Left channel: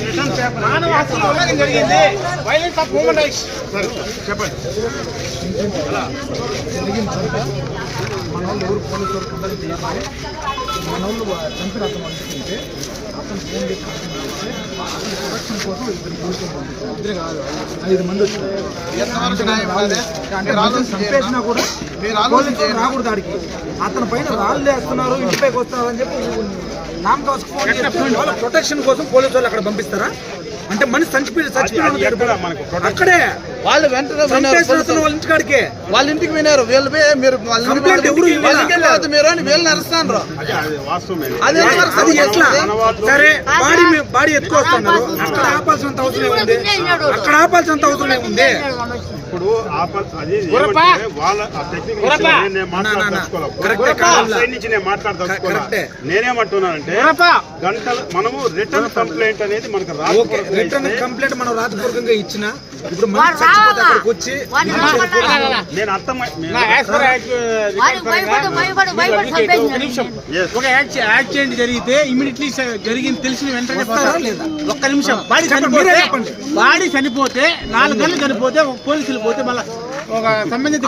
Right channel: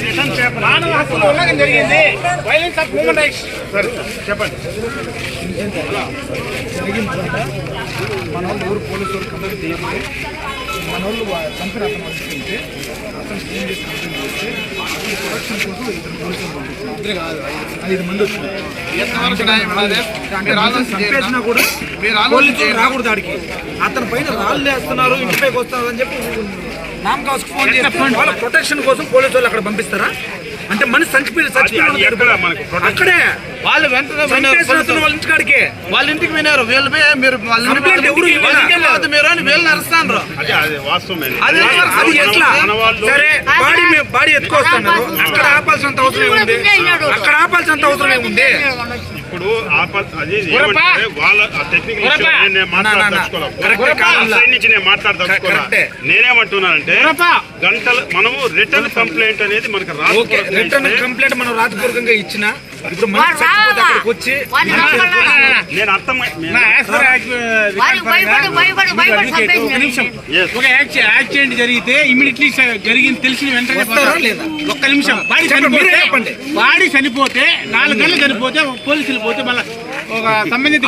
Return paper జరిగింది violence of human rights సరే చెప్పండి మన వాళ్ళు ఎవరు పోలీసు వరకు మన వాళ్ళు చంపిన అతను అనుకుంటే అతను ఫోన్ చేసి కంప్లైంట్ ప్రొడక్షన్ కోసం ఇద్దరు పోలీసులు పంపించారు ఐదు- మంది చంపేసినా కూడా పోలీసులు రాకూడదు ఆడికి అతని పైన రాళ్ళు వేస్తున్నారు ఇంటిపైకి వస్తున్నారు అని చెప్పి నామ్ ఫోన్ చేస్తే వాళ్ళ ప్రొటెక్షన్ కోసం పోలీసు వాళ్ళు అక్కడ పంపిస్తారా అంటే మనిషి చచ్చిపోయి చచ్చిపోయి అక్కడే. వాళ్ళు వెంటనే వాళ్ళ ఇంటికాడికే. వాళ్ళ ఇంటికి వినారు వీళ్ళు పోయి మీరు వాళ్ళ మీరు అని అదే అది వాస్తవమే అదే సార్, అది ఎట్లా? సరే బాడీ మీ- బాడీ ఎత్తుకొస్తున్నారు. అక్కడ ఆపాల్సినంత అవసరం ఏముంది? అక్కడ ఆపాల్సినంత అవసరం ఏముంది? ఇప్పుడు అది ఏమంటే వాళ్ళ నేను కరెక్టే. నేనేమంటున్నానంటే గంటలు మనము రిటర్న్ కంప్లైంట్ అనేది మనకు రాదు రిటర్న్ కంప్లైంట్ మనం రాతపూర్వకంగా ఇచ్చిన ఇప్పుడు అక్కడికి వచ్చి నేను అర్థం ఒక యాక్సి- యాక్సిడెంట్ జరిగితే ఇమీడియట్లీ జరిగింది తెలిసిన వెంటనే వస్తారా పోతారు. లేదా? ఒక్క నిమిషం. బాడీ చనిపోతే. బాడీ చనిపోతే నాలుగు గంటలు చనిపోతే ఒక పోలీసులు పోతే మళ్ళీ ఒక సంబంధిత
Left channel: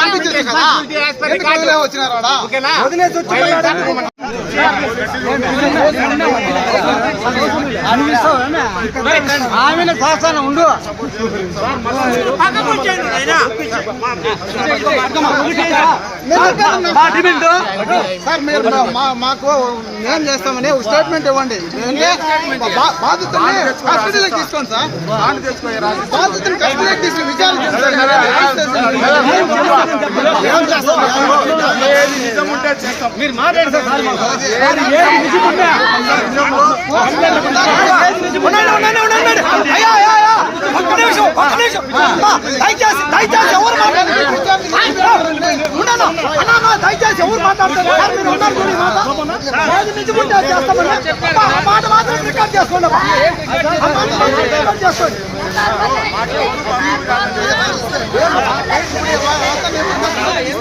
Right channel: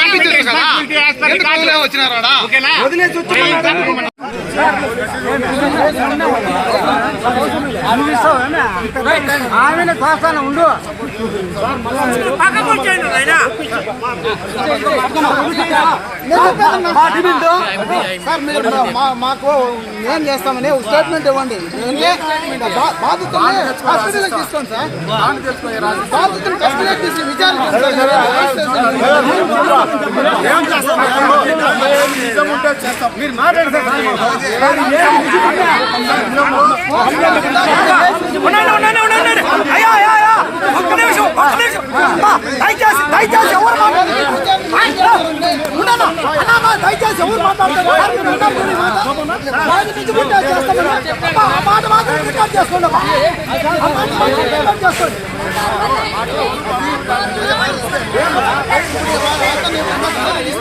పంపించారు కదా. ఆమెను శాసన ఉండు సార్ మీరు మా- మాకు ఏం చేస్తామని ఒక స్టేట్మెంట్ ఇవ్వండి బాధితుల్ని కస్టడీలోకి తీసుకోండి సార్ బాధితులు కస్టడీలోకి తీసుకుని విచారించండి సార్ ఏం అరెస్ట్ మీరు మాట్లాడితే దయచేసి దయచేసి ఎవరు దయచేసి ఎవరు మాట్లాడతారు సార్ మీరు ఉన్నారు ఈ మాట ఏది చేస్తామని ఆ మాట మాత్రం రికార్డ్ చేసుకోండి అమ్మా. ఆ మాట మాత్రం రికార్డ్ చేసుకోండి